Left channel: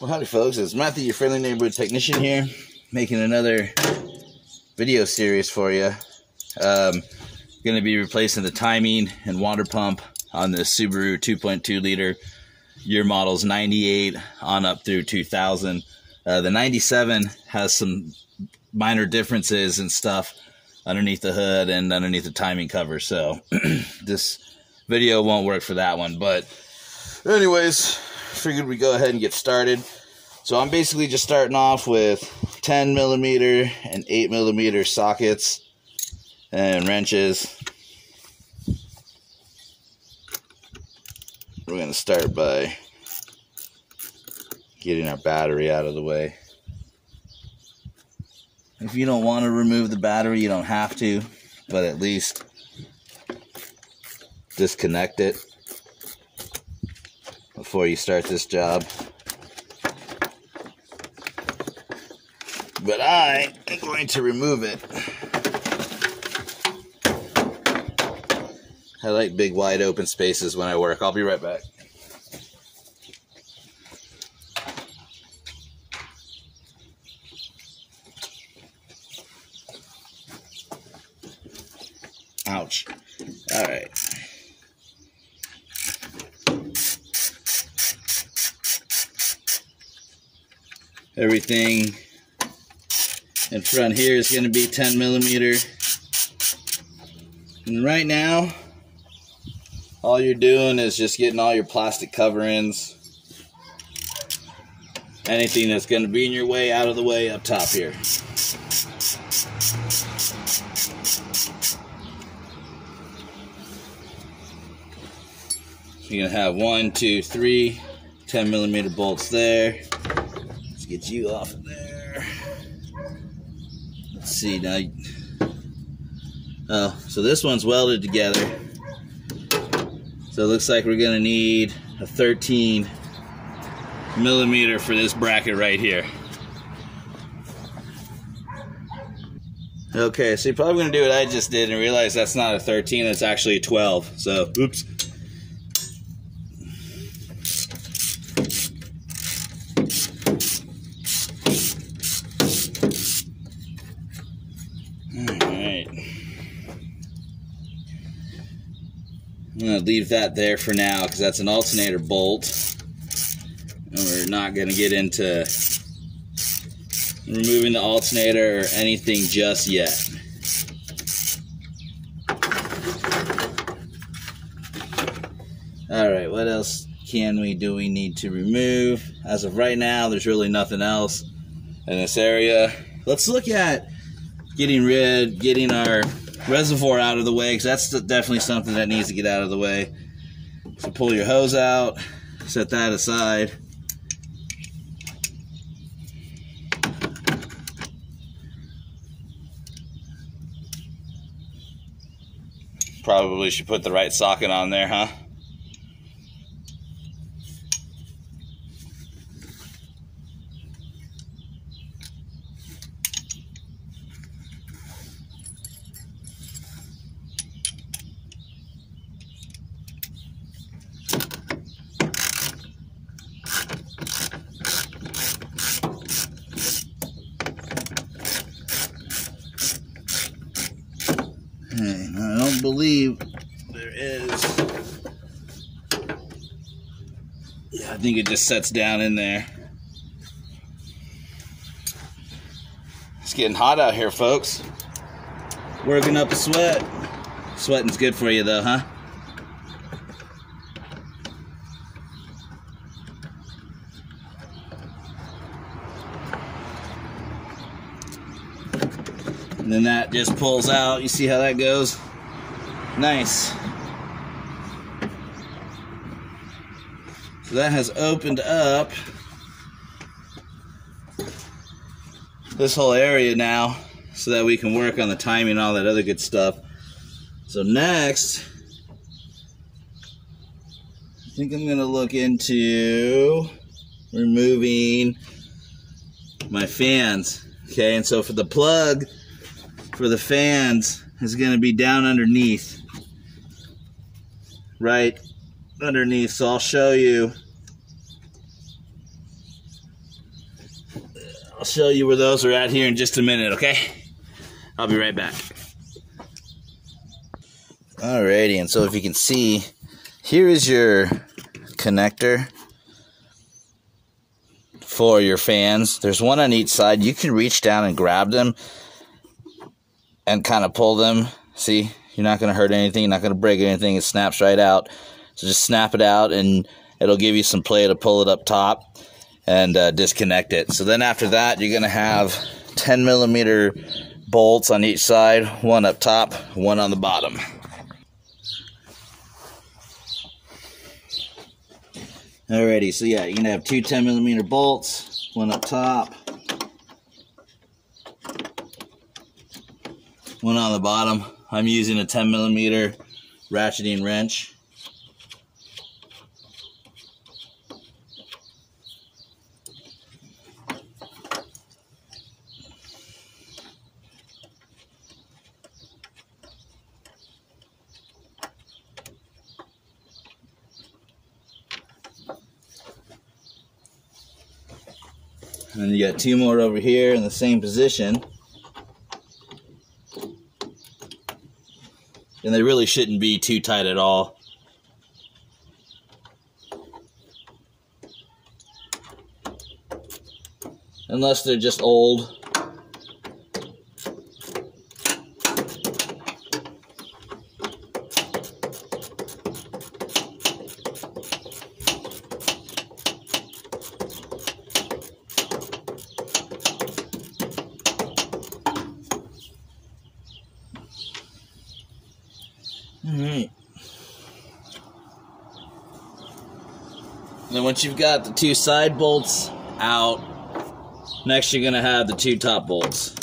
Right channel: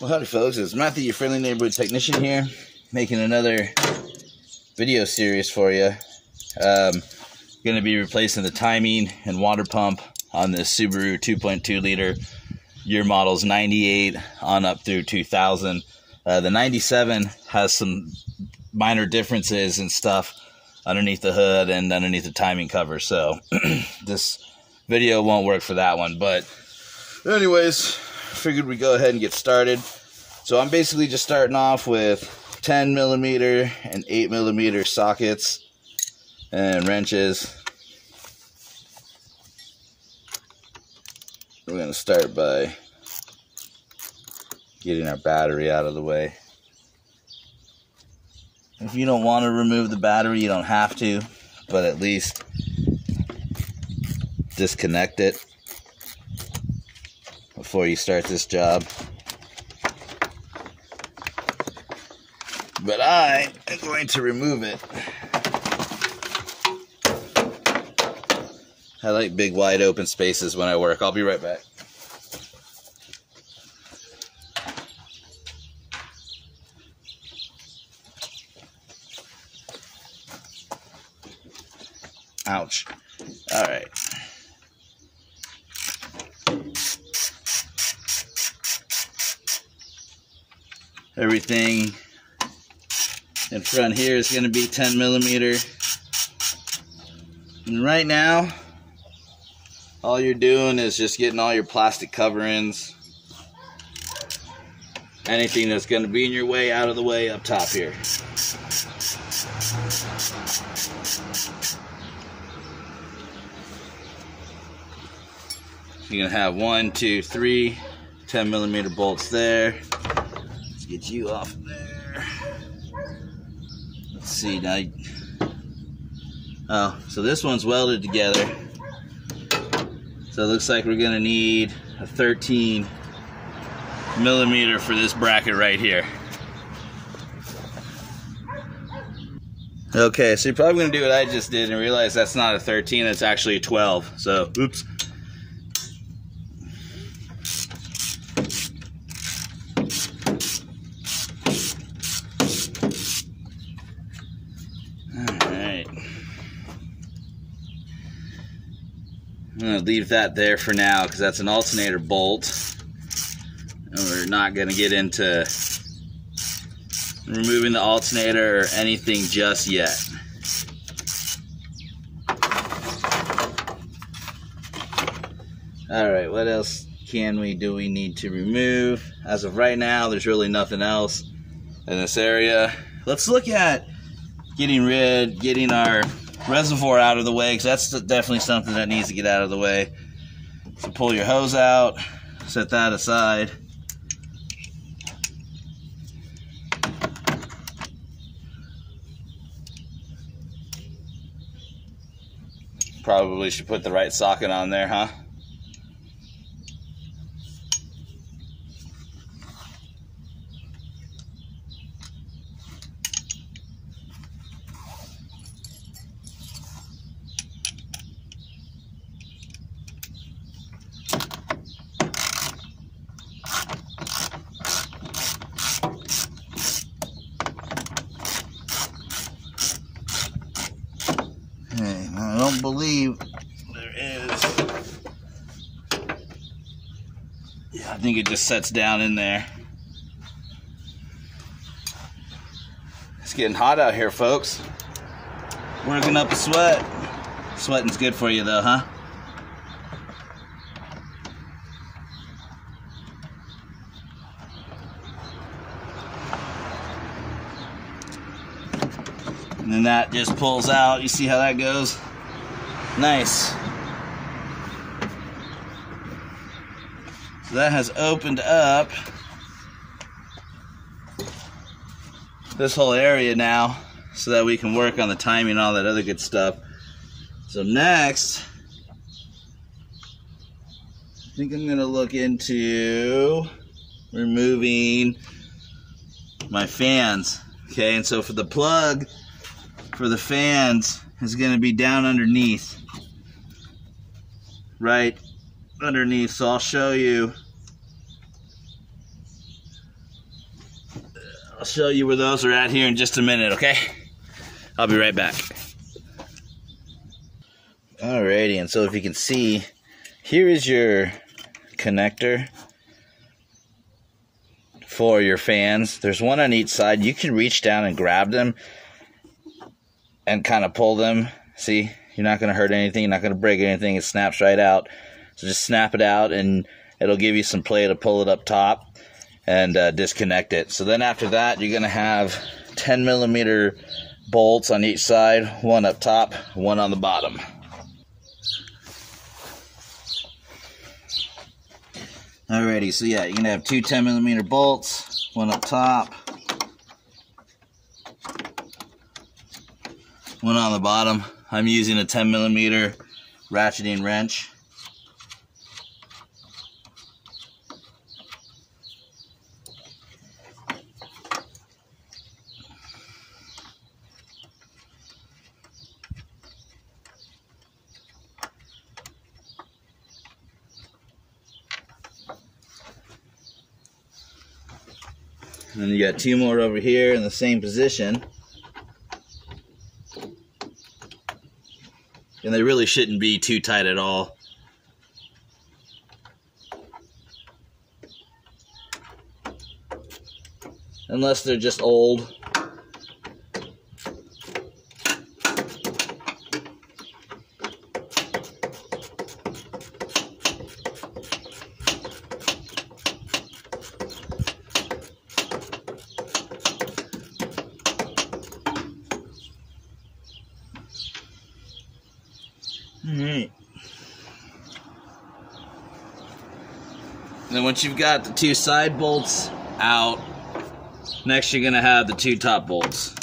Well, howdy folks, it's Matthew, your friendly neighborhood technician here, making another video series for you. Going to be replacing the timing and water pump on the Subaru 2.2 liter, year models 98 on up through 2000. The 97 has some minor differences and stuff underneath the hood and underneath the timing cover, so this video won't work for that one. But anyways, figured we'd go ahead and get started. So I'm basically just starting off with 10mm and 8mm sockets and wrenches. We're going to start by getting our battery out of the way. If you don't want to remove the battery, you don't have to, but at least disconnect it before you start this job. But I am going to remove it. I like big wide open spaces when I work. I'll be right back. Ouch. All right. Everything in front here is going to be 10mm. And right now, all you're doing is just getting all your plastic coverings, anything that's going to be in your way, out of the way up top here. So you're going to have 1, 2, 3 10mm bolts there. Let's get you off of there. Let's see now. Oh, so this one's welded together. So it looks like we're going to need a 13mm for this bracket right here. Okay, so you're probably going to do what I just did and realize that's not a 13, it's actually a 12. So, oops. I'm going to leave that there for now because that's an alternator bolt, and we're not going to get into removing the alternator or anything just yet. Alright, what else do we need to remove? As of right now, there's really nothing else in this area. Let's look at getting our reservoir out of the way, because that's definitely something that needs to get out of the way. So pull your hose out, set that aside. Probably should put the right socket on there, huh? I don't believe there is. Yeah, I think it just sets down in there. It's getting hot out here, folks. Working up a sweat. Sweating's good for you though, huh? And then that just pulls out. You see how that goes? Nice. So that has opened up this whole area now so that we can work on the timing and all that other good stuff. So next, I think I'm going to look into removing my fans. Okay, and so for the plug for the fans is going to be down underneath, right underneath. So I'll show you I'll show you where those are at here in just a minute, okay? I'll be right back. Alrighty, and so if you can see, here is your connector for your fans. There's one on each side. You can reach down and grab them and kind of pull them. See, you're not going to hurt anything. You're not going to break anything. It snaps right out. So just snap it out and it'll give you some play to pull it up top and disconnect it. So then after that, you're going to have 10mm bolts on each side, one up top, one on the bottom. Alrighty, so yeah, you're going to have two 10mm bolts, one up top, one on the bottom. I'm using a 10mm ratcheting wrench. And then you got two more over here in the same position. And they really shouldn't be too tight at all. Unless they're just old. Alright. Then once you've got the two side bolts out, next you're going to have the two top bolts.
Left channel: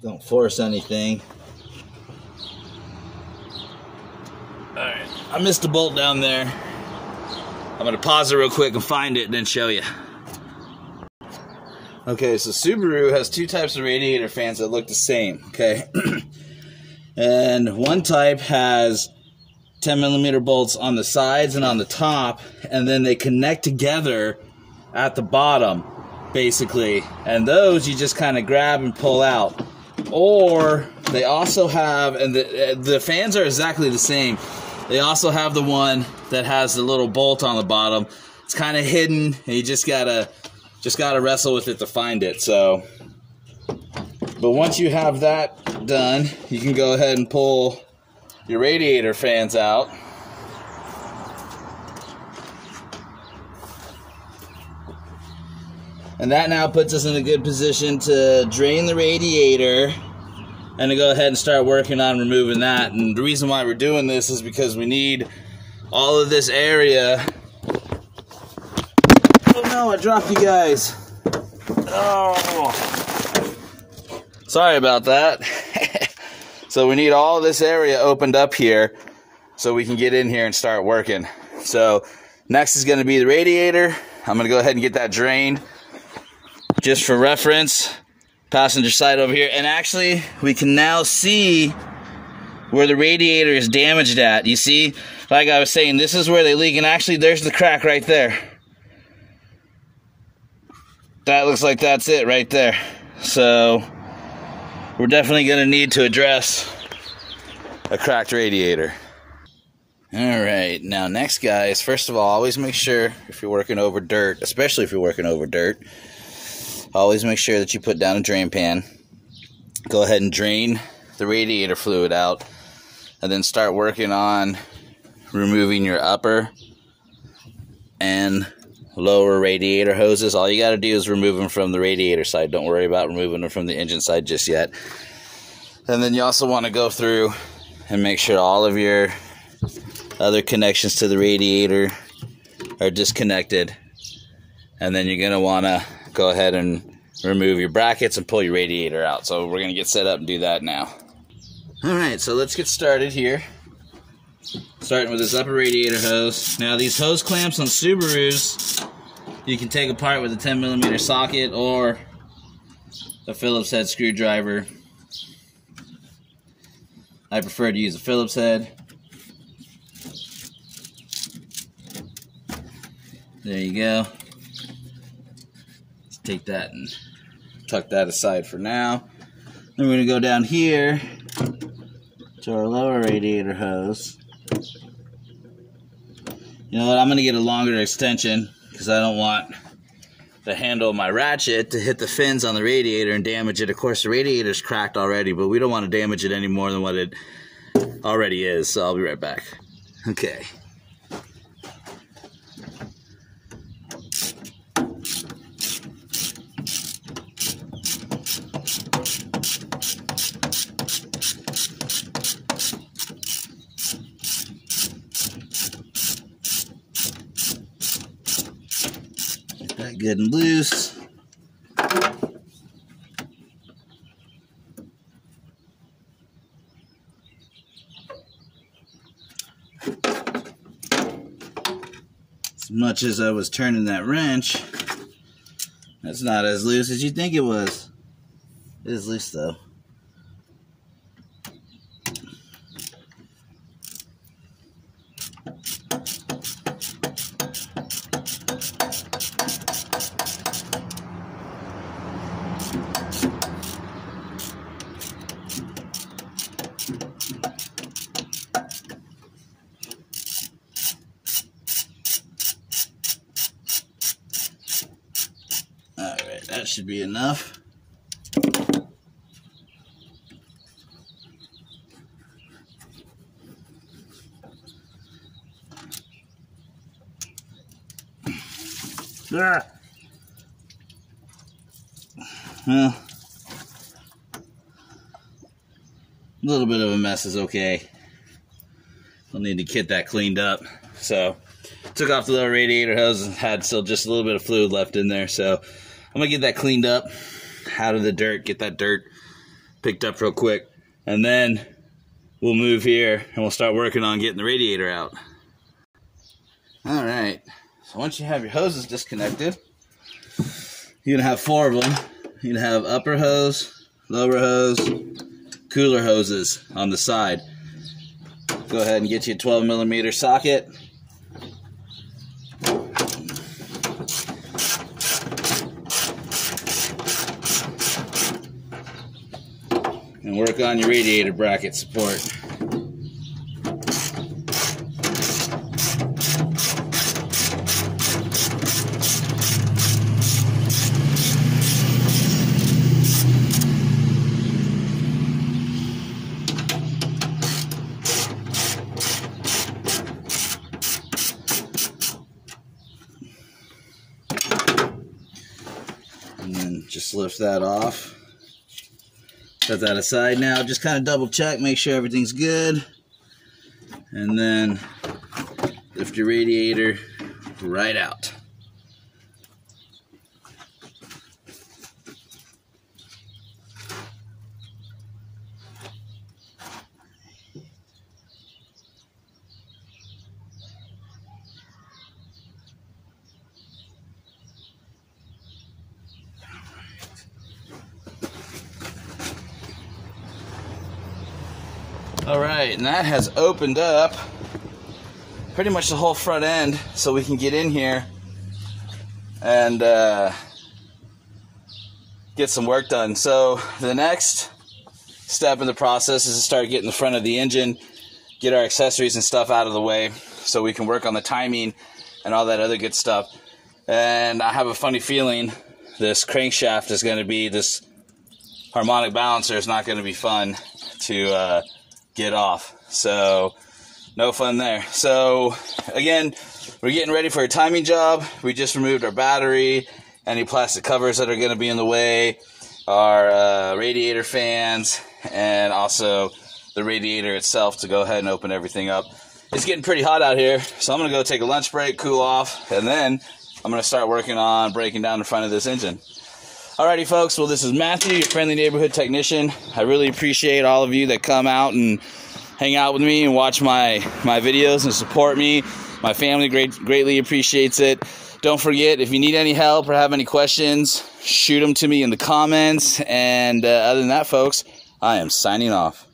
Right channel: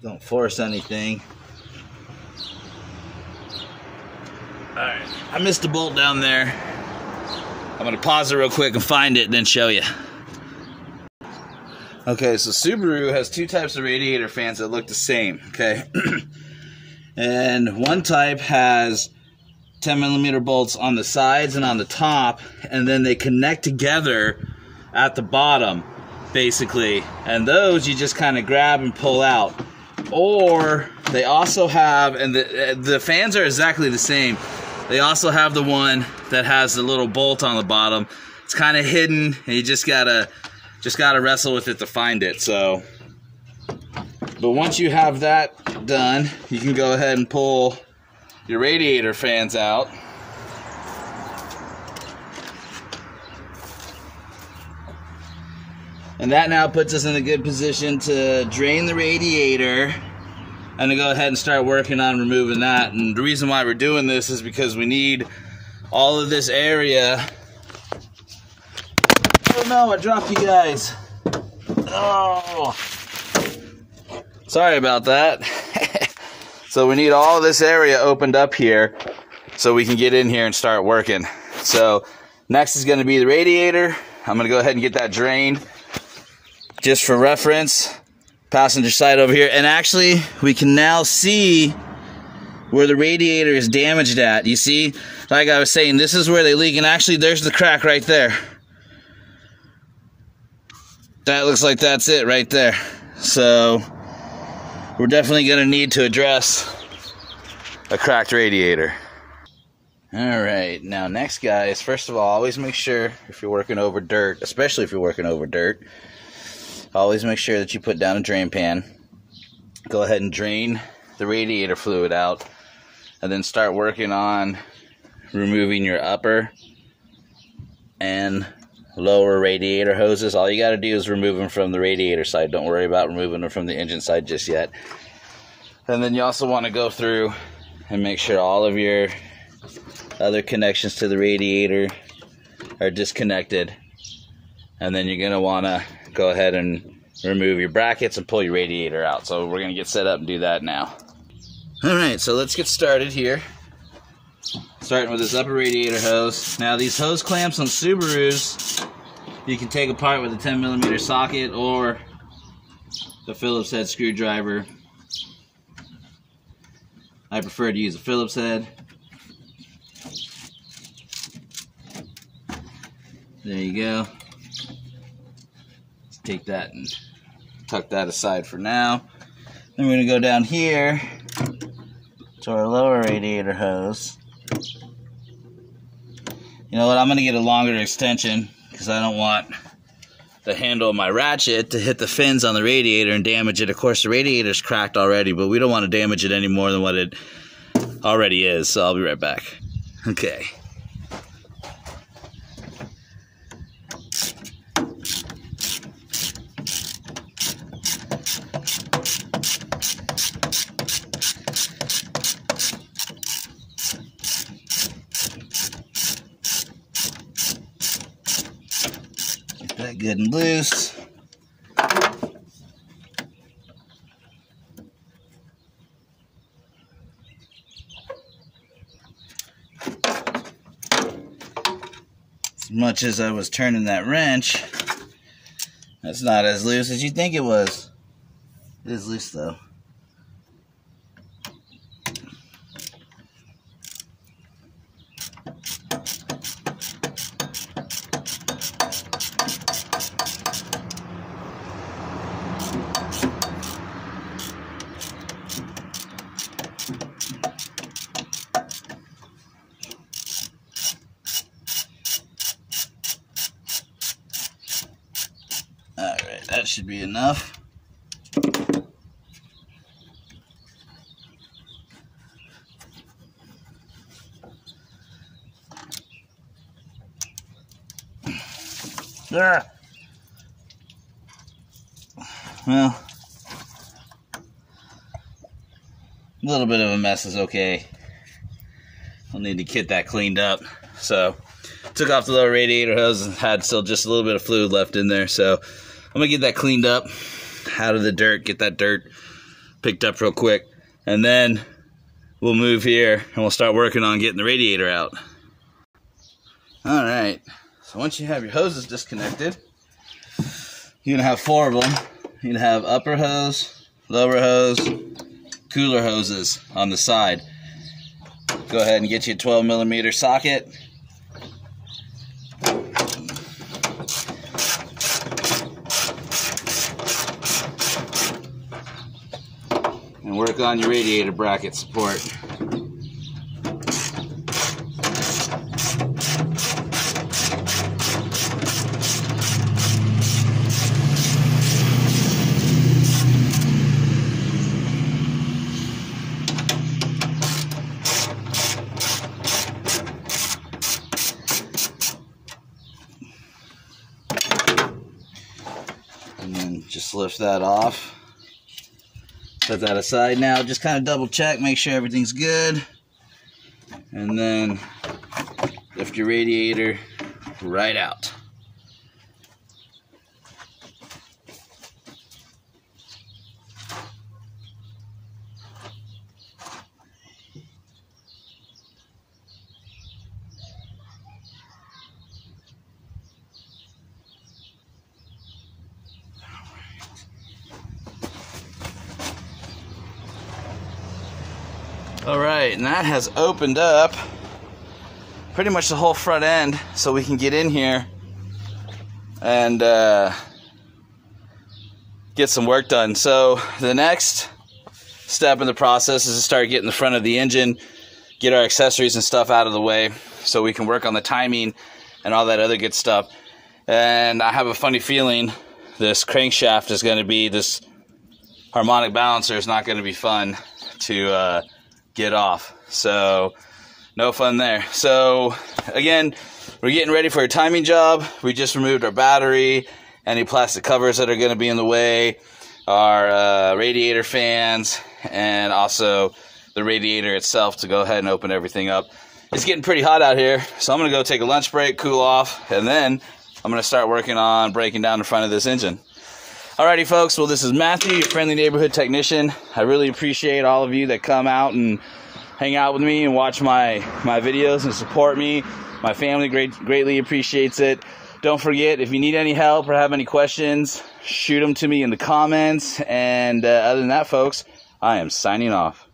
Don't force anything. Alright, I missed a bolt down there. I'm going to pause it real quick and find it and then show you. Okay, so Subaru has two types of radiator fans that look the same, okay? And one type has 10mm bolts on the sides and on the top, and then they connect together at the bottom, basically. And those you just kind of grab and pull out. Or they also have, and the fans are exactly the same. They also have the one that has the little bolt on the bottom. It's kind of hidden, and you just gotta wrestle with it to find it. So, but once you have that done, you can go ahead and pull your radiator fans out. And that now puts us in a good position to drain the radiator and to go ahead and start working on removing that. And the reason why we're doing this is because we need all of this area. Oh no, I dropped you guys. Oh, sorry about that. So we need all this area opened up here so we can get in here and start working. So next is going to be the radiator. I'm going to go ahead and get that drained. Just for reference, passenger side over here. And actually, we can now see where the radiator is damaged at. You see, like I was saying, this is where they leak. And actually, there's the crack right there. That looks like that's it right there. So, we're definitely going to need to address a cracked radiator. Alright, now next, guys, first of all, always make sure if you're working over dirt, especially if you're working over dirt, always make sure that you put down a drain pan. Go ahead and drain the radiator fluid out, and then start working on removing your upper and lower radiator hoses. All you got to do is remove them from the radiator side. Don't worry about removing them from the engine side just yet. And then you also want to go through and make sure all of your other connections to the radiator are disconnected. And then you're going to want to go ahead and remove your brackets and pull your radiator out. So we're going to get set up and do that now. Alright, so let's get started here. Starting with this upper radiator hose. Now these hose clamps on Subarus, you can take apart with a 10mm socket or a Phillips head screwdriver. I prefer to use a Phillips head. There you go. Let's take that and tuck that aside for now. Then we're going to go down here to our lower radiator hose. You know what, I'm going to get a longer extension because I don't want the handle of my ratchet to hit the fins on the radiator and damage it. Of course, the radiator's cracked already, but we don't want to damage it any more than what it already is, so I'll be right back. Okay. That good and loose. As much as I was turning that wrench, that's not as loose as you think it was. It is loose though. Alright, that should be enough. There. Well, a little bit of a mess is okay. I'll need to get that cleaned up. So, took off the lower radiator hose and had still just a little bit of fluid left in there. So, I'm going to get that cleaned up out of the dirt, get that dirt picked up real quick. And then we'll move here and we'll start working on getting the radiator out. Alright, so once you have your hoses disconnected, you're going to have 4 of them. You're going to have upper hose, lower hose, cooler hoses on the side. Go ahead and get you a 12mm socket. And work on your radiator bracket support. And then just lift that off. Set that aside now. Just kind of double check, make sure everything's good. And then lift your radiator right out. Alright, and that has opened up pretty much the whole front end, so we can get in here and get some work done. So the next step in the process is to start getting the front of the engine, get our accessories and stuff out of the way so we can work on the timing and all that other good stuff. And I have a funny feeling this crankshaft is going to be, this harmonic balancer is not going to be fun to get off. So no fun there. So again, we're getting ready for a timing job. We just removed our battery, any plastic covers that are going to be in the way, our radiator fans, and also the radiator itself to go ahead and open everything up. It's getting pretty hot out here, so I'm going to go take a lunch break, cool off, and then I'm going to start working on breaking down the front of this engine. Alrighty folks, well this is Matthew, your friendly neighborhood technician. I really appreciate all of you that come out and hang out with me and watch my videos and support me. My family greatly appreciates it. Don't forget, if you need any help or have any questions, shoot them to me in the comments. And other than that folks, I am signing off.